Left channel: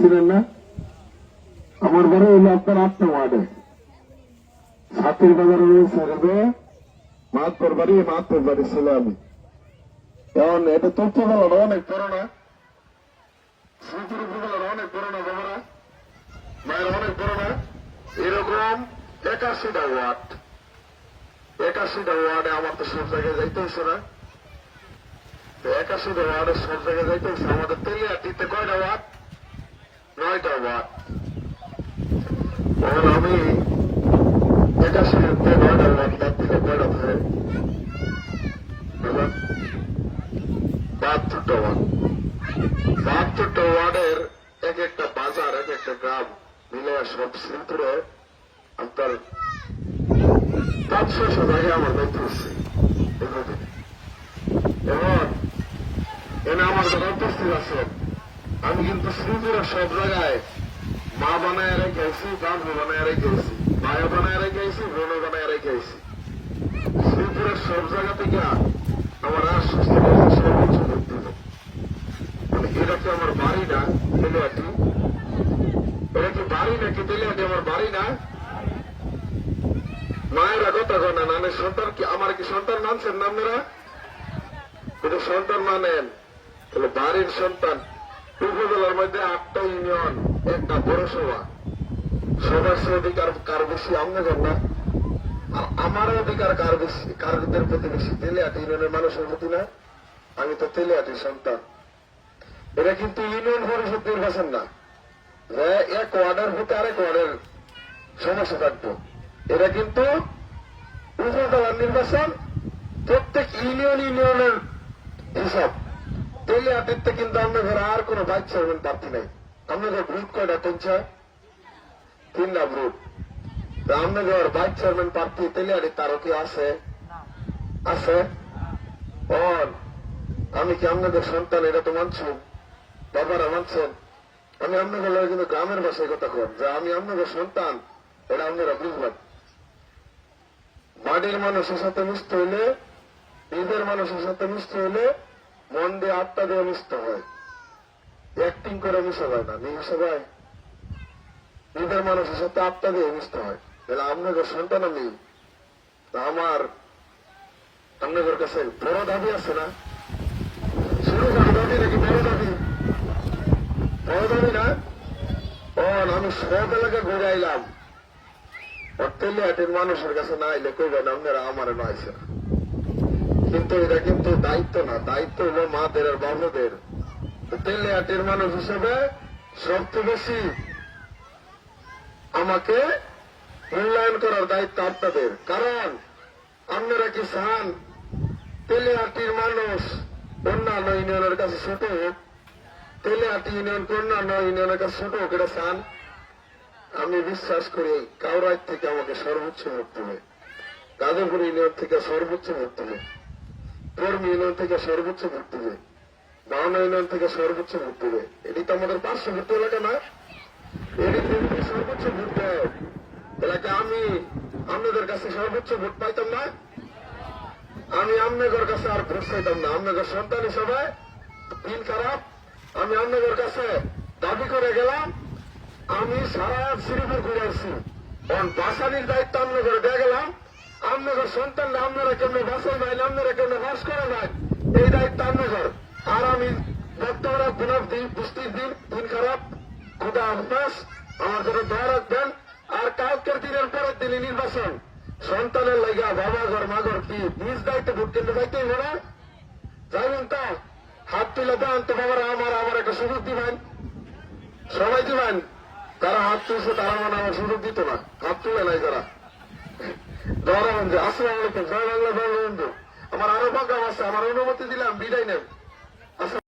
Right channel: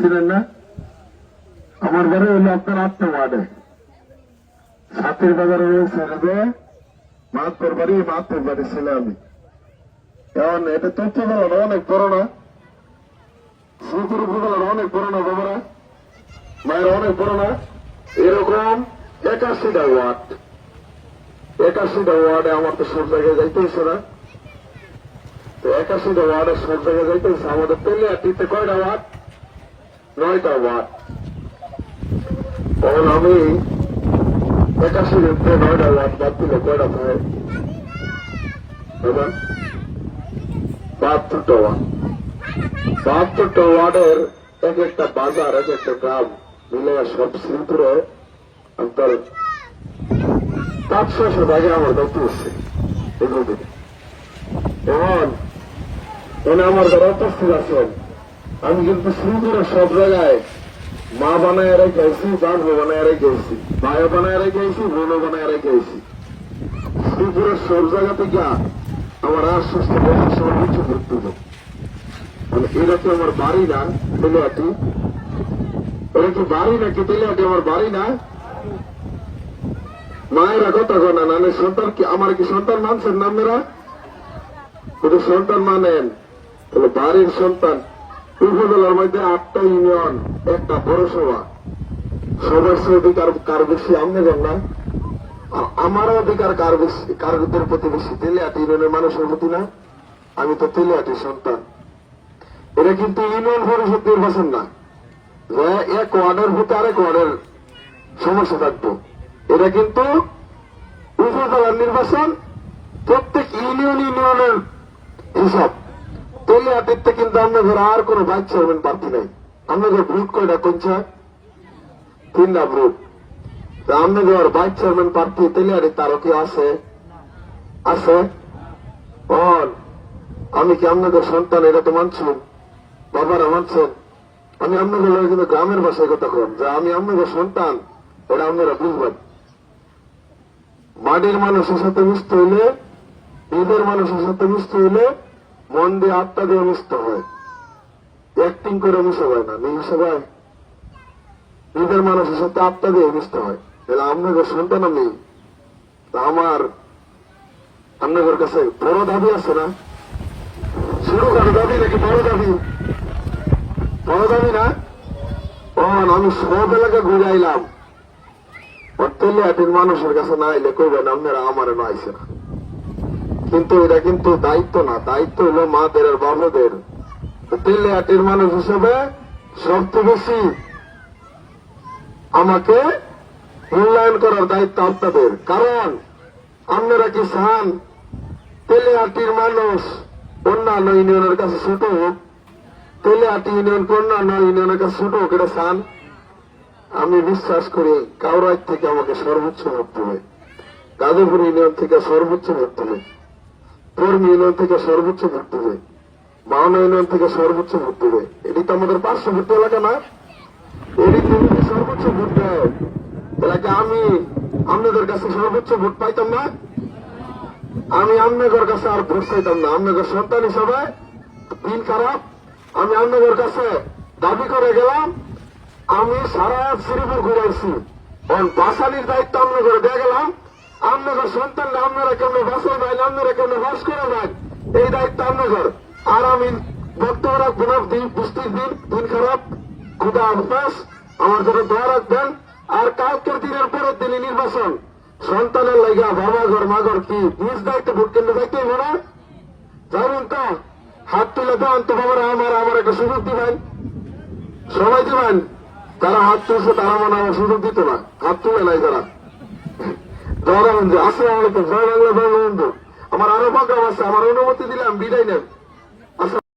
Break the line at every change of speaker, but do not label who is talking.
ছিলেন না? আমার বাড়ি হইল আপনার আটটা ওয়ার্ডে সাতের বাজারে ছেড়ে মাহাত্তর বাড়ি মাহাত্তর বাড়ি ছেলে আমি। এখন এটা তথ্য বলার অনেক বড় না শ্রীপুর উপজেলার অনেক বড় বাবারা। মায়ের অনেক বড় না এরকম একাশিটা ওয়ার্ড। একাশিটা ওয়ার্ডে আমার তো সব জায়গায় যাইতে হচ্ছে না। তো একাশিটা ওয়ার্ডে সব জায়গায় যাইতে হচ্ছে আমাদের তেলিয়াটিতে কয়টা ওয়ার্ড? নয়টা ওয়ার্ড তখন আমি একাশি নয়টা ওয়ার্ড বাদ দিলে কয়টা হয় এবার বাহাত্তরটা ওয়ার্ড বাহাত্তরটা ওয়ার্ডের এক একটা বাজার, এক একটা গ্রাম মিলে সব শ্রীপুরে অন্তর পাঁচশো জায়গায় আমার দায়িত্ব হচ্ছে এগুলো এখন আমার যারা উপস্থিত আছেন আমি কিন্তু শ্রীপুরের সব জায়গায় মা বানায় রেখেছি বান্ধব বানায় রেখেছি মায়া বানায় রেখেছি, বোনও বানায় রেখেছি। শ্রীপুরের সব জায়গা থেকে আমার আশ্বস্ত সময় কিছু করতে মানে এটা তো আমার বাড়ি না তেলিয়াটি এটা কি বাড়ি নাকি তেলিয়াটি আমার বাড়ি না? মায়েরা কথা কয় না নানের সন্তান কি আমার কি সন্তান মানছেন না আপনারা? যদি সন্তান মানেন, তাহলে বাড়ির সন্তান উপজেলার মধ্যে আটটা ইউনিয়ন, একটা পৌরসভা। সবার অধিকার কার বেশি আপনাদের না? আর আমার অধিকার কার বেশি, কারদের প্রতি বেশি? তেলিয়াটি ইউনিয়নের মানুষের প্রতি না? আমি তো তেলিয়াটির সন্তান। এটা কিন্তু ইউনিয়ন পরিষদ নির্বাচন না। এক ওয়ার্ডের ভোটে আরেক ওয়ার্ডের সমস্যা থাকব এটা কিন্তু উপজেলার নির্বাচন প্রত্যেক ইউনিয়ন ইউনিয়নের হিসাব। তেলে দেখতে কিন্তু আপনাদের আর কোনো বাইক চেয়ারম্যান প্রার্থী নেই। আপনাদের ভোট কয়টা কোনছে তিনটা ভোট তা আপনাদের বাইক চেয়ারম্যান প্রার্থী তেলে আরে তারও কি আছে? আছে? অন আমি কি আপনাদের সন্তান, এটা তো মানছেন? বাবারা মানছেন? আমি আপনাদের লগে কিন্তু গ্রামের ভাষায় কথা কম। যে আমি আপনাদের সন্তান, এটা আপনারা বুঝবেন। মাটির মানুষের সাথে মিশতে হইলে ঈদের মানুষের সাথে মিশতে হইলে মন দিয়ে আত্মা দিয়ে মিশতে হয়। অ্যাক্টিং করে মিশে হয় না মিশে হয় ঈদের মানুষের সাথে আত্মা দিয়ে মিশতে হয়। তাহলে আপনাদের সন্তান আমি আমার আপনাদের কাছে বড় দাবি আছে না? শুরু করে দাবি নাকি বড় দাবি? বড় দাবি না? ও, আমি সব এলাকা ঘুরে আইলাম। মানুষের কাছে না আইলে কইবেন, আপনারা আমারে না আইসে না কিন্তু এটা কিন্তু দায়িত্ব না। দায়িত্ব হলো মাদের আর বাবাদের তেলিয়াটির মানুষ হিসেবে সবচেয়ে বেশি আমাকে মূল্যায়ন করার দায়িত্ব আপনাদের। কারণ আপনারা কি চান তেলিয়াটির মানুষ অন্যান্য ইউনিয়নের কাছে ছোট হোক? তেলিয়াটি ইউনিয়ন অন্যান্য ইউনিয়নের কাছে ছোট হোক এটা চান? আমি বিশ্বাস করি কাউরাই থেকে আমাকে সর্বোচ্চ ভোট দেবে। গাজীপুর ইউনিয়ন থেকে সর্বোচ্চ ভোট দেবে। কর্মী ইউনিয়ন থেকে সর্বোচ্চ ভোট দেবে মাওনা ইউনিয়ন থেকে সর্বোচ্চ ভোট দেবে এটি তো আমাদের পার্শ্ববর্তী এলাকা না। এটি যদি সর্বোচ্চ ভোট দেয় এলাকা আমি আপনাদের কাছে সর্বোচ্চ ভোট পাইতাম না। আমি আপনাদের কাছে আর ভোট চাইতাম না। আপনাদের সন্তান হিসাবে দিন খারাপ। আমি আপনাদের কাছে দাবি করে গেলাম। আমি সারা শ্রীপুর ঘুরেছি এখন বাসালির দায়িত্ব আমরা করে দিয়ে গেলাম। আপনাদের সন্তান আপনারা কেন বাসল নাই? আপনারা কেন বাস করে নাই? এই দায়িত্ব আপনাদের। আর আমি বক্তব্য রাখব দিন বৃষ্টির দিন দিন খারাপ। খুদা হাফেজ আমার জন্য দোয়া রাখবেন। আর কালকের দিনের পরের দিনে নির্বাচন। সন্তানের লেগা বাবা ঘর মা ঘর কি, নিজ দায়িত্ব ভোট কেন্দ্রে যাইতে হবে না? যাবেন তো। হাত তুলে দেন তো বাবারা, আমার আমার একটা সুযোগ দিবেন। সবাই দিবেন। তারা হাত তুলছে তারা মানে আমার সুযোগ দিত না হাত তুলে নাই তারা ধরা বন্ধু বাংলা আমার আরও প্রোগ্রাম আছে আমার অনুমতি দিলাম বিদায় নেন